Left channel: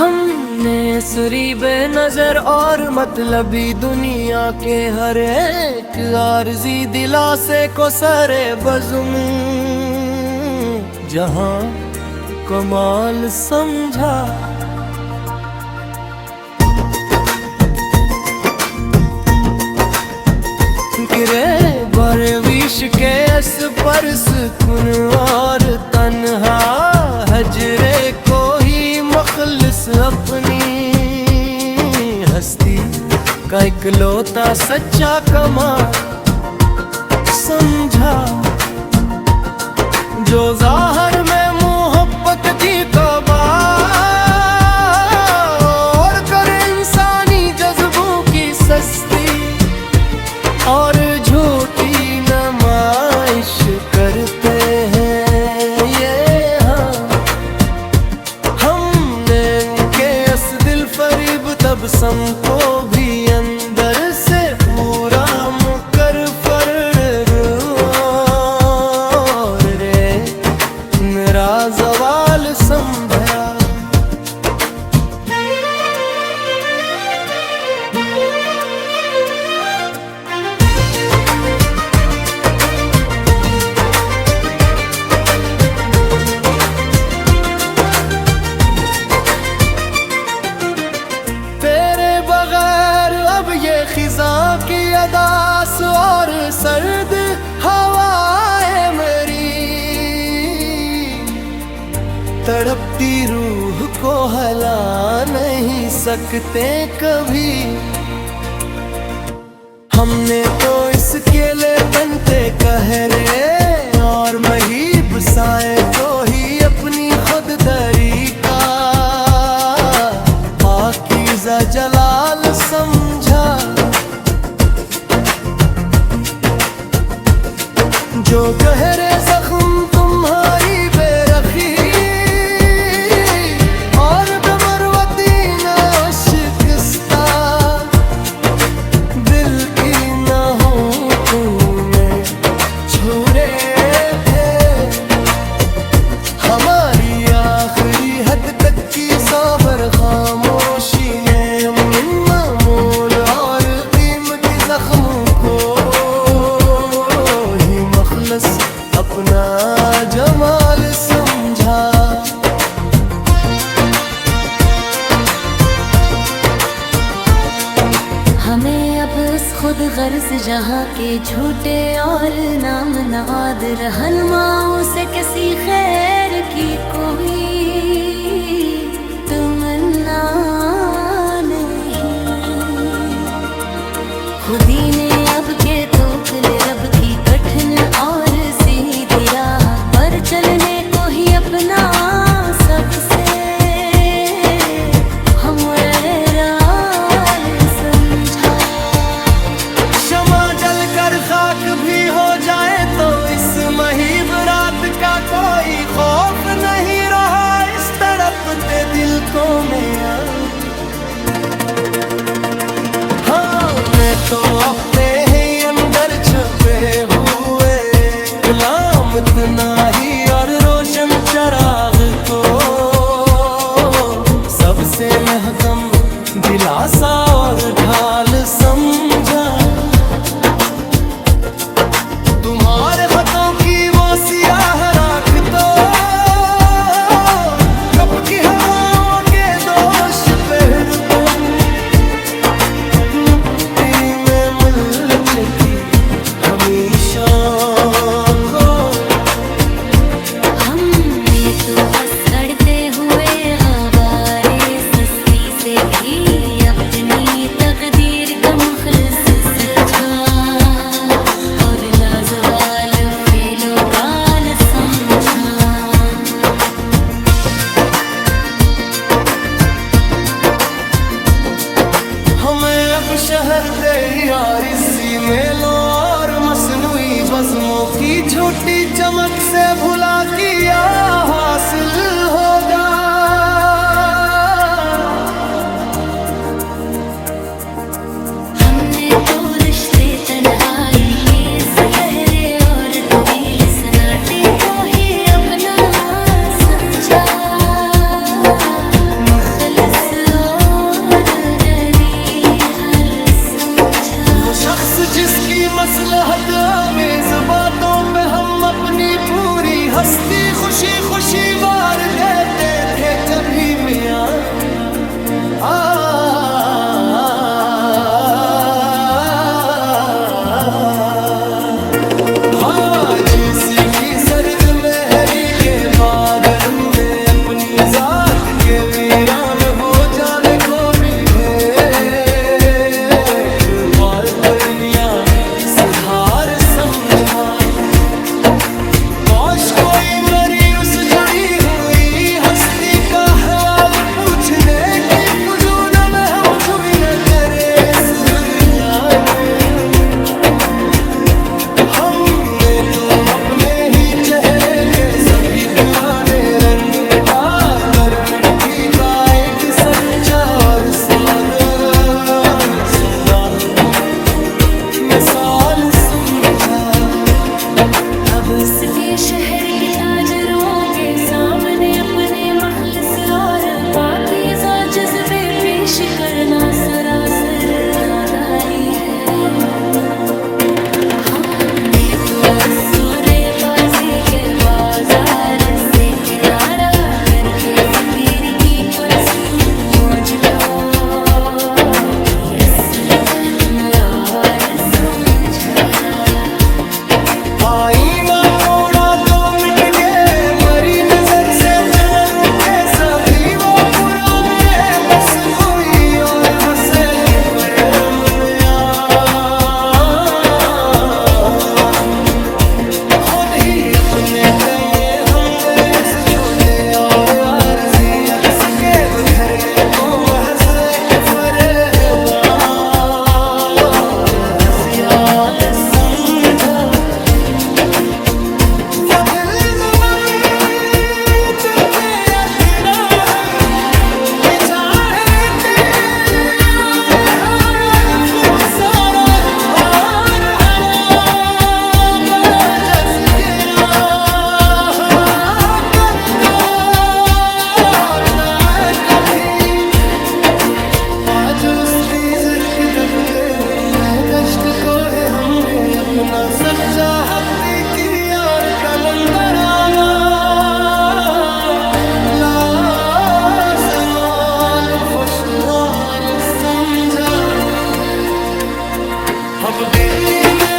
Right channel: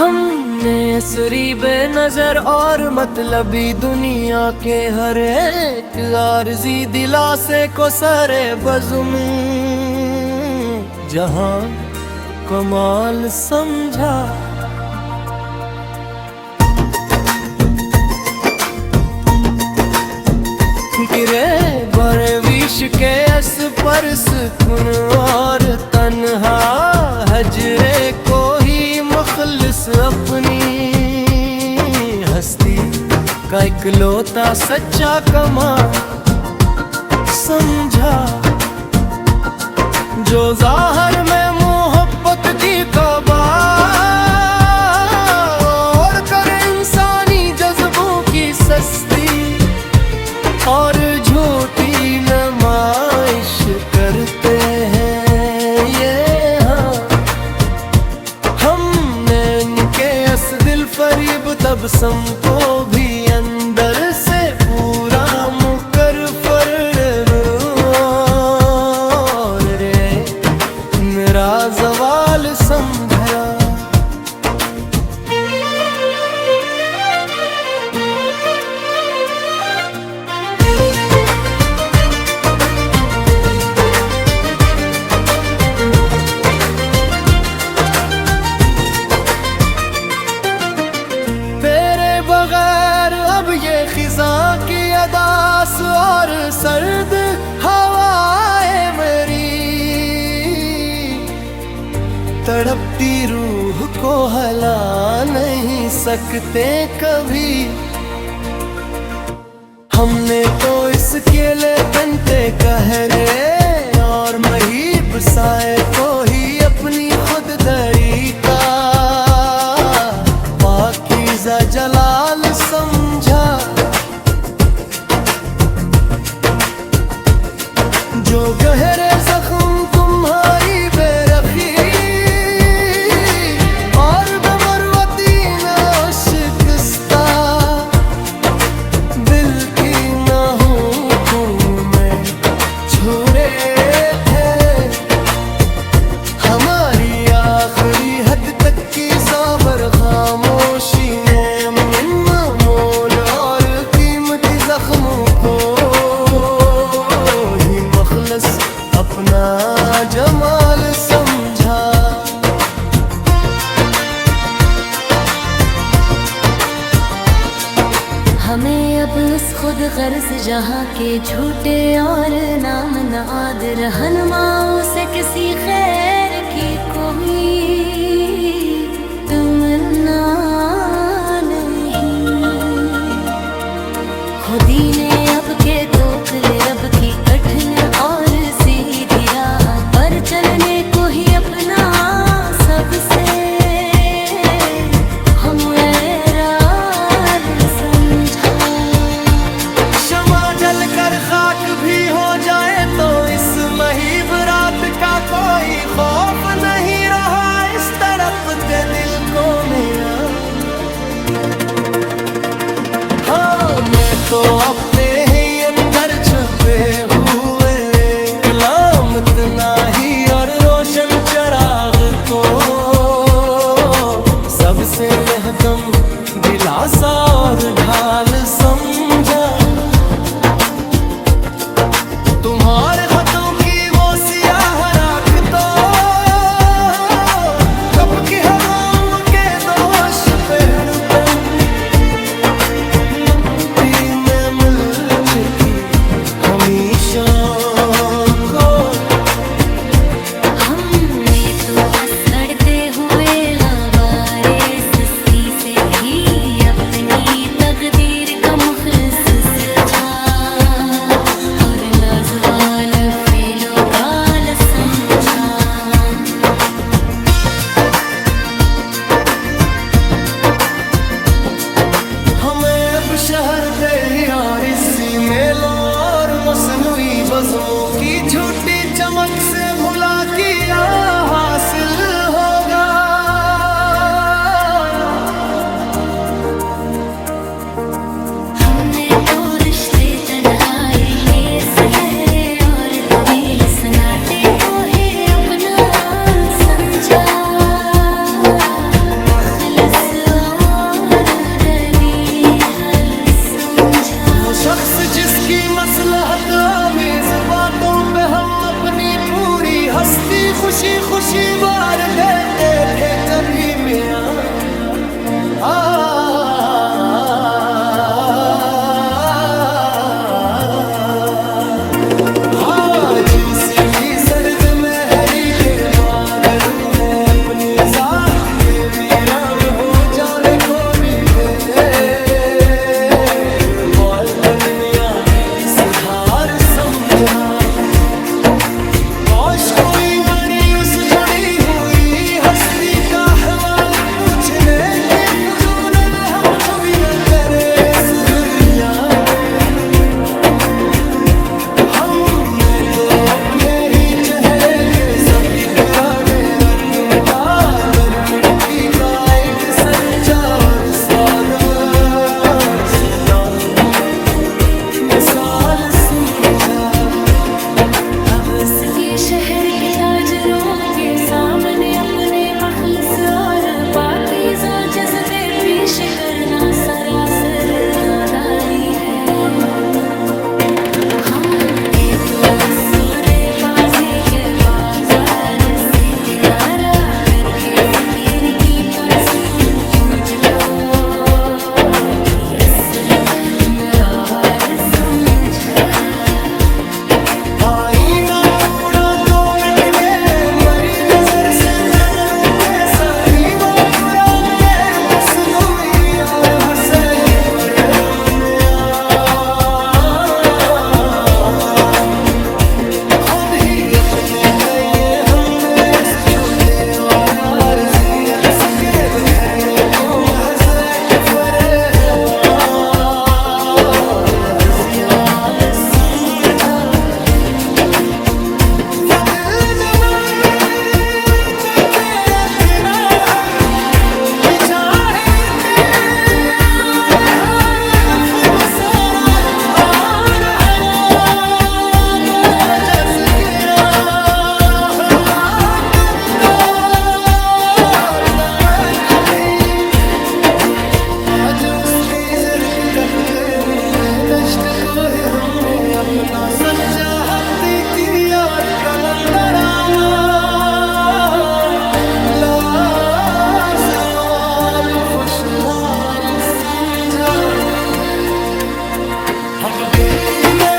हमने सुरी बेनजर और मतलबी दुनिया के हर एक आरज़ी दिलासे को सरे बज़ुम जहां कमाल समझा। गिरे बरे विश के अस पर सुकून और तन्हा हजरे को ही मखलिस अपनी हस्ती का इकलौता सच्चा कमाल समझा। जो ज़ाहिर में मोहब्बत की कबा और करे इंसानी जज्बों की सस्ती और झूठी नुमाइश करते हैं ये। हाँ हमने इनके अस दिल फरीब तबसम को भी अंदर से पूरा मुकर फर्र और रे मेरा ज़वाल समझा। खिज़ां की अदास और सर्द हवाएं मेरी तड़पती रूह को हला नहीं सकते कभी। हमने तो इस केले तंटे कहरे और महीब साए को ही अपनी खुद तरीका पाकीज़ा जलाल समझा। जो गहरे जख्म तुम्हारी बेरखी और बेबरवती न शिकस्ता दिल की न हो में छुरे थे। हमारी आखिरी हद तक की साबर खामोशी ने हम मोल और कीमती जख्मों को मखलस अपना जमाल समझा। हमें अब इस खुद गर्ज जहाँ के झूठे और नाम नाद रहनुमाओं से किसी खैर की कोई तमन्ना नहीं। खुदी ने अब के तोकले रब की कठिन और सीधी राह पर चलने को ही अपना सबसे हम वैराल समझा। शमा जल कर खाक भी हो जाए तो इस महीब रात का कोई खौफ नहीं रहा इस तड़पते दिल को मैं। हाँ मैं तो अपने ही अंदर छुपे हुए गुलाम इतना ही और रोशन चराग को सबसे महकम दिलासा और ढाल समझा। तुम्हारे खतों की वो सियाह राख तो कब की हवाओं के दोष पहरुपन की हमेशा को। हमने तो असड़ते हुए गबारे सस्ती से भी अपनी तकदीर का मुखलिस सच्चा और लाजवाल फीलो गाल समझा। हमें अब शहर ते ही आरिज़ी मेलों और मसनूई बज़्मों की झूठी चमक से भुला किया हासिल होगा। हमने तो रिश्ते तन्हाई के इस गहरे और तवील सन्नाटे को ही अपना समझा। मखलिस जिसकी मसलहत आमेज बातों पे हम अपनी पूरी हस्ती खुशी खुशी वार देते थे कभी मियां हाँ जिसी की सर्द में हरी के बाद तुमने अपनी जात के वीरान हो जाने को भी है बालकनियां सुधार समझा काश कोई मरी उस जुड़ी हुई हस्ती का हवाल पूछने की फुजूल में हम जुई न करे इस दुनिया में हमने तो अपने ही चेहरे के सभी पुराने रंग मिटा कर मिट्टी का एक सच्चा और सादा मिसाल समझा अब उसके शहर के ताजरों के सामने अपने मखलस और पाकीज़ा जज्बे पेश करना सरासर नादानी है। हमने तो सूरे बाजी के बाजार से किनारा करके फकीर की पुरसुकून मौज को की असल में और समझा। आईना तोड़ा तो मिट गए मरी नजर से चलरू के सभी वो पूरा मेरे मसनूई और हसैनी पर मुनिया खुद ही अपने तय हमने इस छोटे और आरजी अक्स के बिखरने को महज एक फरेला और हज़ियाल समझा। वो दिल आज उसकी ज़िर्क जपते हुए दश्त को है हमने अपना सच्चा हफ्ते की यार कलंदराना लासवाल खुशहाल समझा। अब दिल्ली में